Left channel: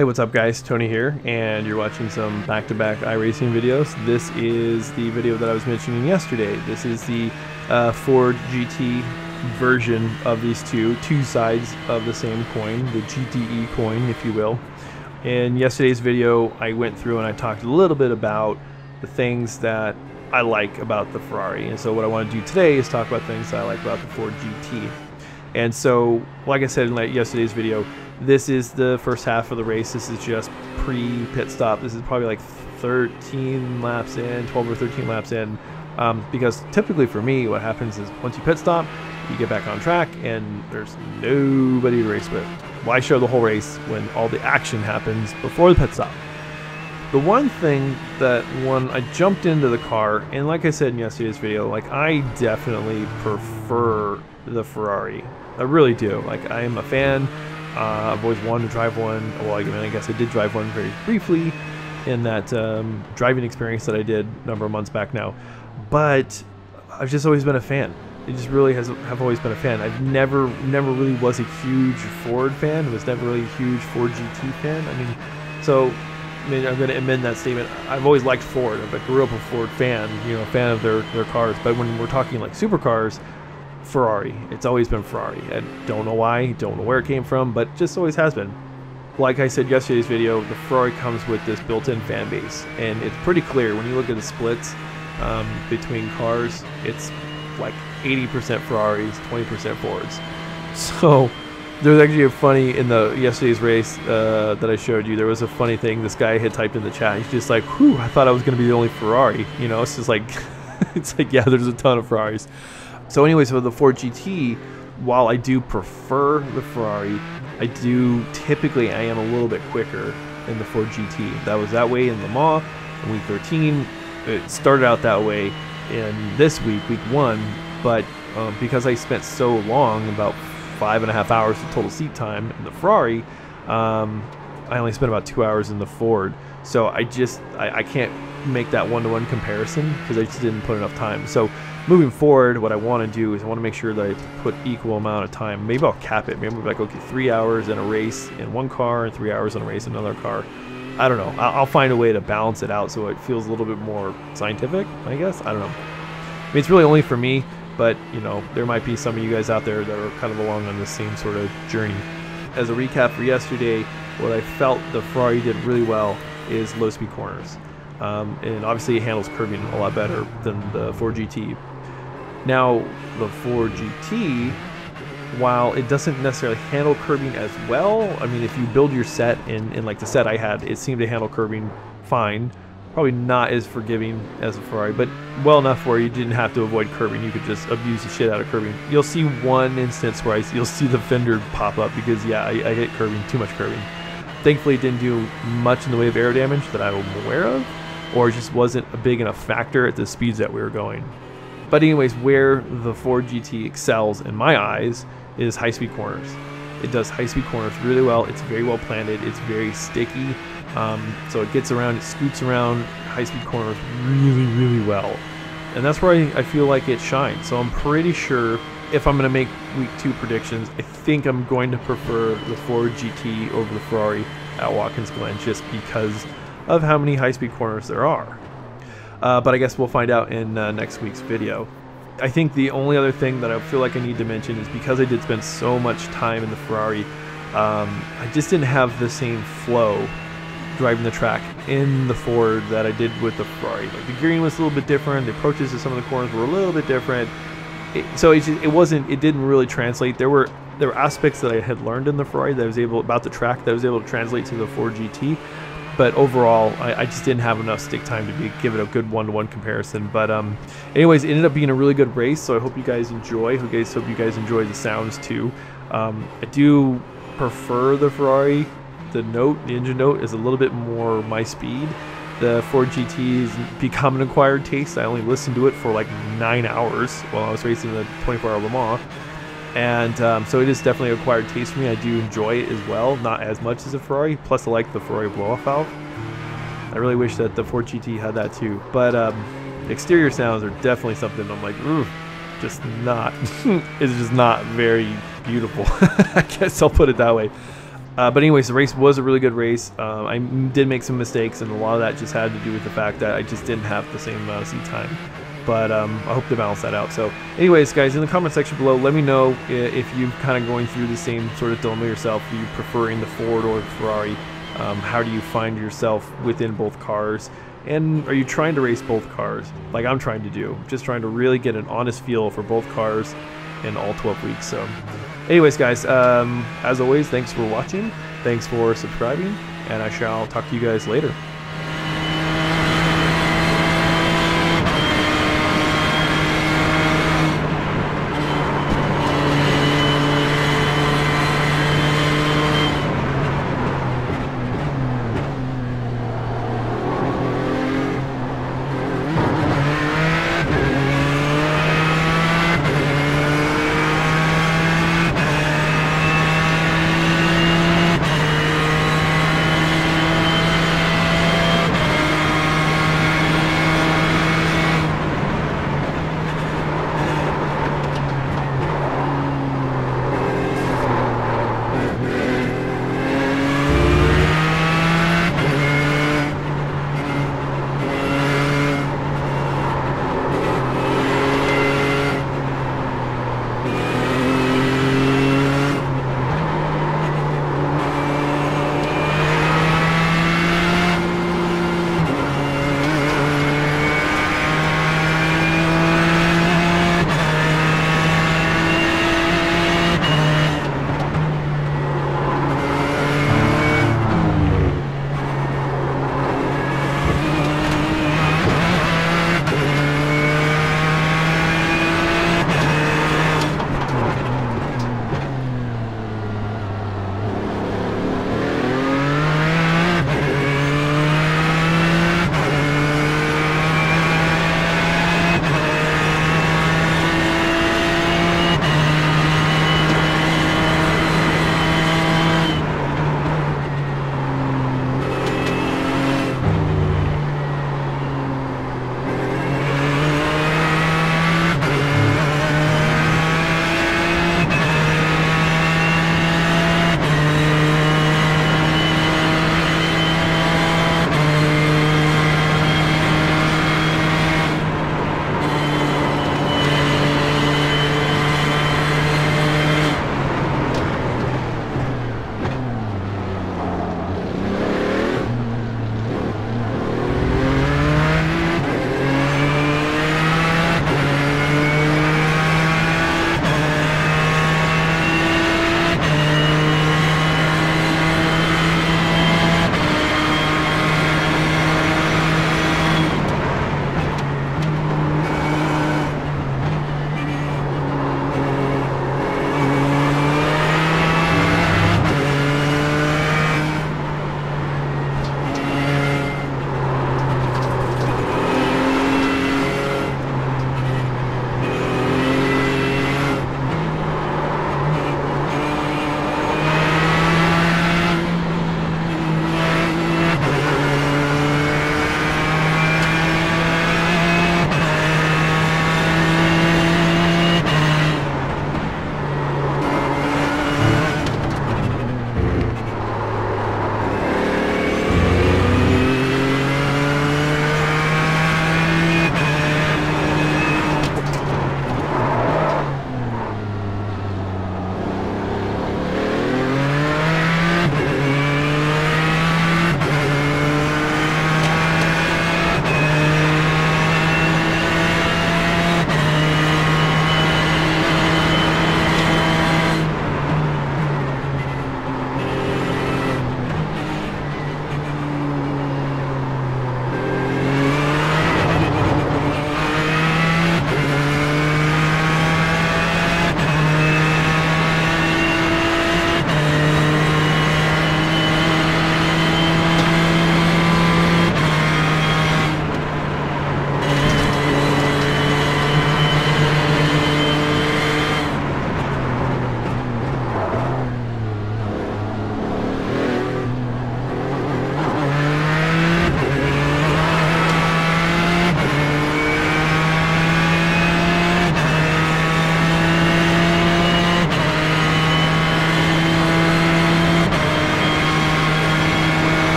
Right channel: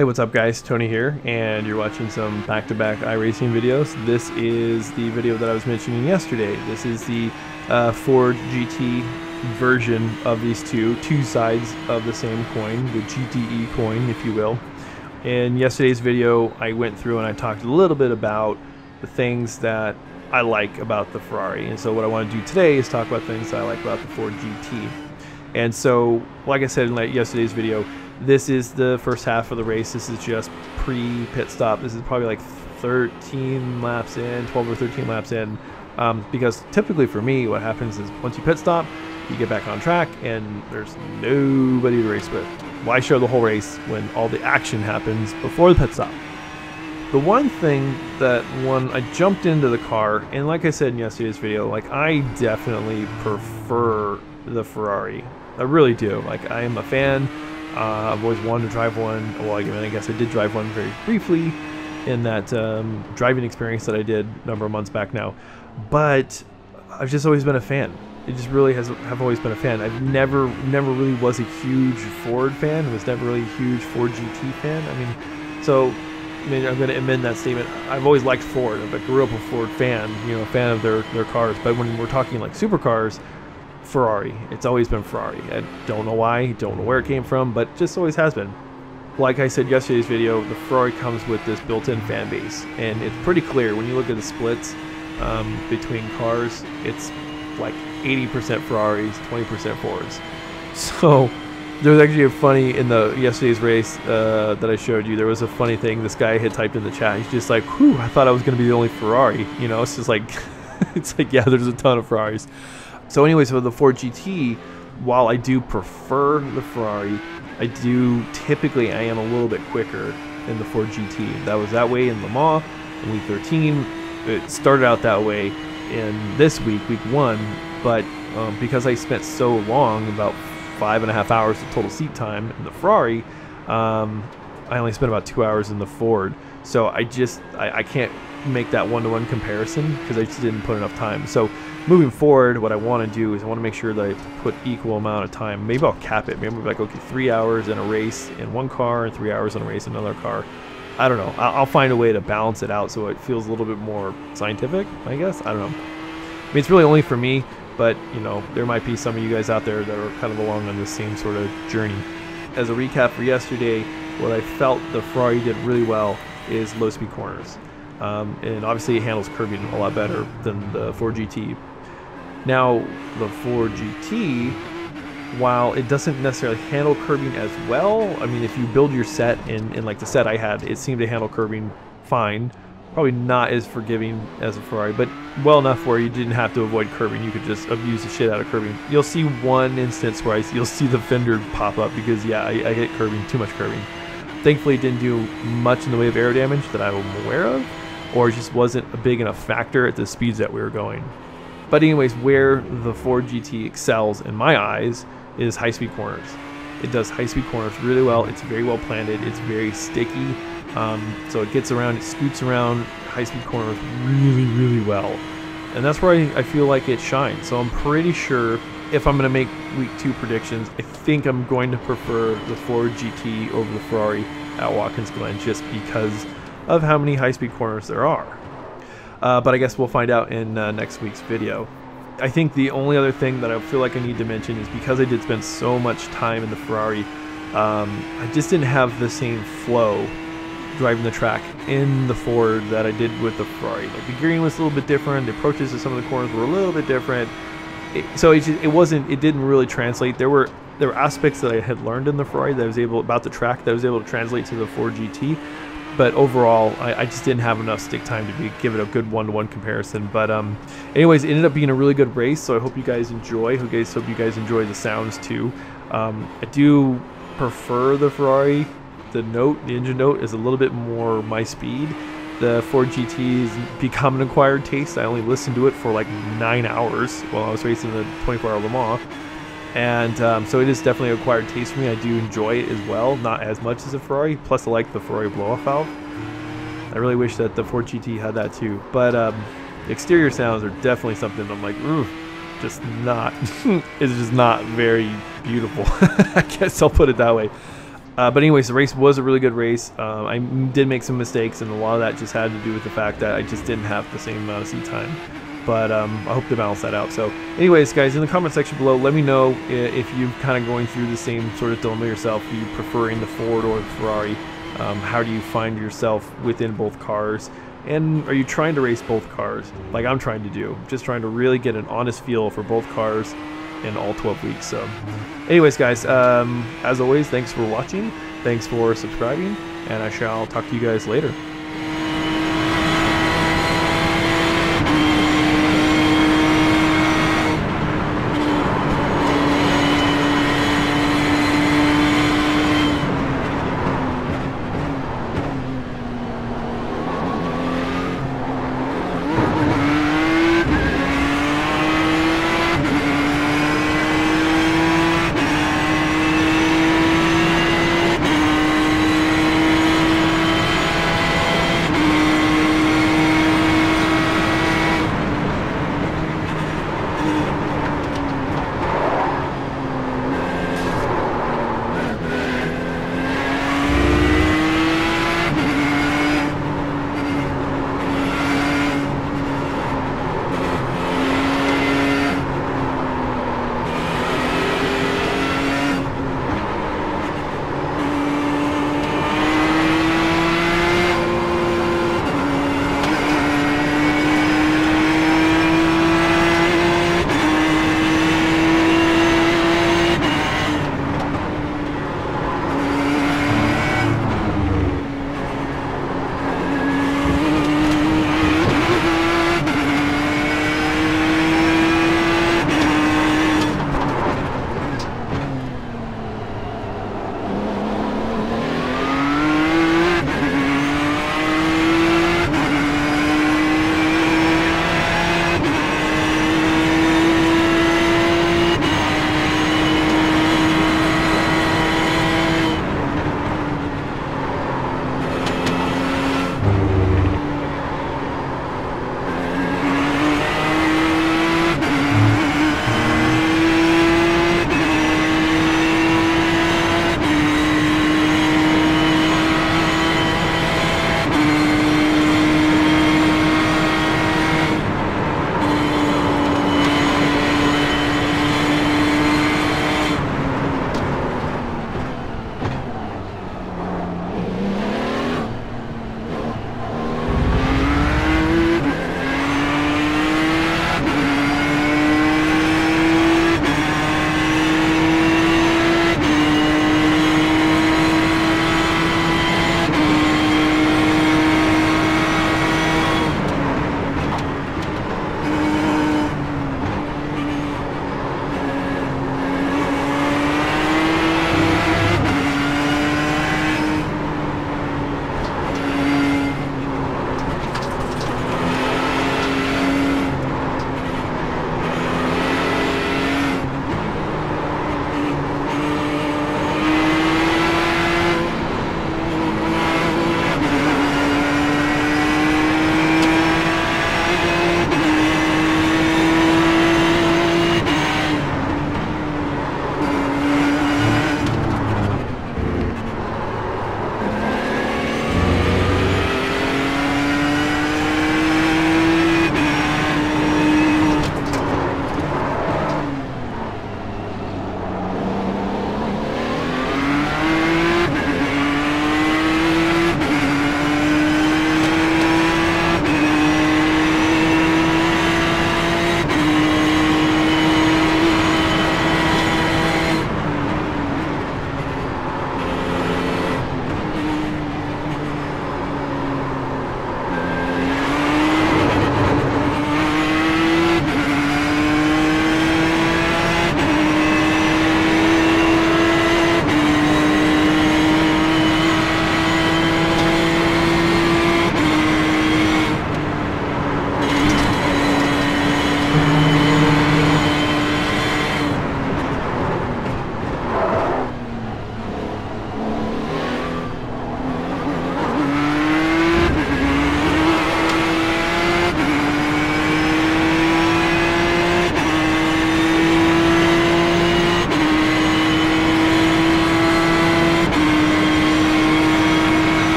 Hey, what's up guys? Tony here, and you're watching some back-to-back iRacing videos. This is the video that I was mentioning yesterday. This is the Ford GT version of these two sides of the same coin, the GTE coin, if you will. In yesterday's video, I went through and I talked a little bit about the things that I like about the Ferrari. And so what I want to do today is talk about things that I like about the Ford GT. And so, like I said in yesterday's video, this is the first half of the race. This is just pre-pit stop. This is probably like 13 laps in, 12 or 13 laps in. Because typically for me, what happens is once you pit stop, you get back on track and there's nobody to race with. Why show the whole race when all the action happens before the pit stop? The one thing that when I jumped into the car, and like I said in yesterday's video, like I definitely prefer the Ferrari. I really do. Like I am a fan. I've always wanted to drive one. Well, I guess I did drive one very briefly in that driving experience that I did a number of months back now. But I've just always been a fan. It just really have always been a fan. I've never really was a huge Ford fan. Was never really a huge Ford GT fan. I'm going to amend that statement. I've always liked Ford. I grew up a Ford fan, a fan of their cars. But when we're talking like supercars, Ferrari. It's always been Ferrari. I don't know why, don't know where it came from, but just always has been. Like I said yesterday's video, the Ferrari comes with this built-in fan base, and it's pretty clear when you look at the splits between cars. It's like 80% Ferraris, 20% Fords. So there's actually a funny in the yesterday's race that I showed you. There was a funny thing. This guy had typed in the chat. He's just like, "Whew, I thought I was going to be the only Ferrari." It's just like, it's like, yeah, there's a ton of Ferraris. So anyways, for the Ford GT, while I do prefer the Ferrari, I am a little bit quicker in the Ford GT. That was that way in Le Mans in week 13. It started out that way in this week 1, but because I spent so long, about 5.5 hours of total seat time in the Ferrari, I only spent about 2 hours in the Ford. So I can't make that one-to-one comparison because I just didn't put enough time. So moving forward, what I want to do is I want to make sure that I put equal amount of time. Maybe I'll cap it. Maybe I'll be like, okay, 3 hours in a race in one car and 3 hours in a race in another car. I don't know. I'll find a way to balance it out so it feels a little bit more scientific, I guess. I don't know. It's really only for me, but there might be some of you guys out there that are kind of along on the same sort of journey. As a recap for yesterday, what I felt the Ferrari did really well is low-speed corners. And obviously it handles curbing a lot better than the Ford GT. Now, the Ford GT, while it doesn't necessarily handle curbing as well, if you build your set in like the set I had, it seemed to handle curbing fine. Probably not as forgiving as a Ferrari, but well enough where you didn't have to avoid curbing. You could just abuse the shit out of curbing. You'll see one instance where you'll see the fender pop up because, yeah, I hit curbing, too much curbing. Thankfully, it didn't do much in the way of aero damage that I'm aware of, or it just wasn't a big enough factor at the speeds that we were going. But anyways, where the Ford GT excels in my eyes is high-speed corners. It does high-speed corners really well. It's very well planted. It's very sticky. So it gets around, it scoots around high-speed corners really, really well. And that's where I feel like it shines. So I'm pretty sure if I'm going to make week 2 predictions, I think I'm going to prefer the Ford GT over the Ferrari at Watkins Glen just because of how many high-speed corners there are. But I guess we'll find out in next week's video. I think the only other thing that I feel like I need to mention is because I did spend so much time in the Ferrari, I just didn't have the same flow driving the track in the Ford that I did with the Ferrari. Like the gearing was a little bit different, the approaches to some of the corners were a little bit different. It didn't really translate. There were aspects that I had learned in the Ferrari that I was able about the track that I was able to translate to the Ford GT. But overall, I just didn't have enough stick time to give it a good one-to-one comparison. But anyways, it ended up being a really good race, so I hope you guys enjoy. Hope you guys enjoy the sounds too. I do prefer the Ferrari. The engine note is a little bit more my speed. The Ford GT has become an acquired taste. I only listened to it for like 9 hours while I was racing the 24-hour Le Mans. And so it is definitely an acquired taste for me. I do enjoy it as well, not as much as a Ferrari. Plus, I like the Ferrari blow-off valve. I really wish that the Ford GT had that too. But exterior sounds are definitely something I'm like, ooh, just not. It's just not very beautiful. I guess I'll put it that way. But anyways, the race was a really good race. I did make some mistakes, and a lot of that just had to do with the fact that I just didn't have the same amount of seat time. But I hope to balance that out. So anyways, guys, in the comment section below, let me know if you're kind of going through the same sort of dilemma yourself. Are you preferring the Ford or the Ferrari? How do you find yourself within both cars? And are you trying to race both cars like I'm trying to do? Just trying to really get an honest feel for both cars in all 12 weeks. So anyways, guys, as always, thanks for watching. Thanks for subscribing, and I shall talk to you guys later.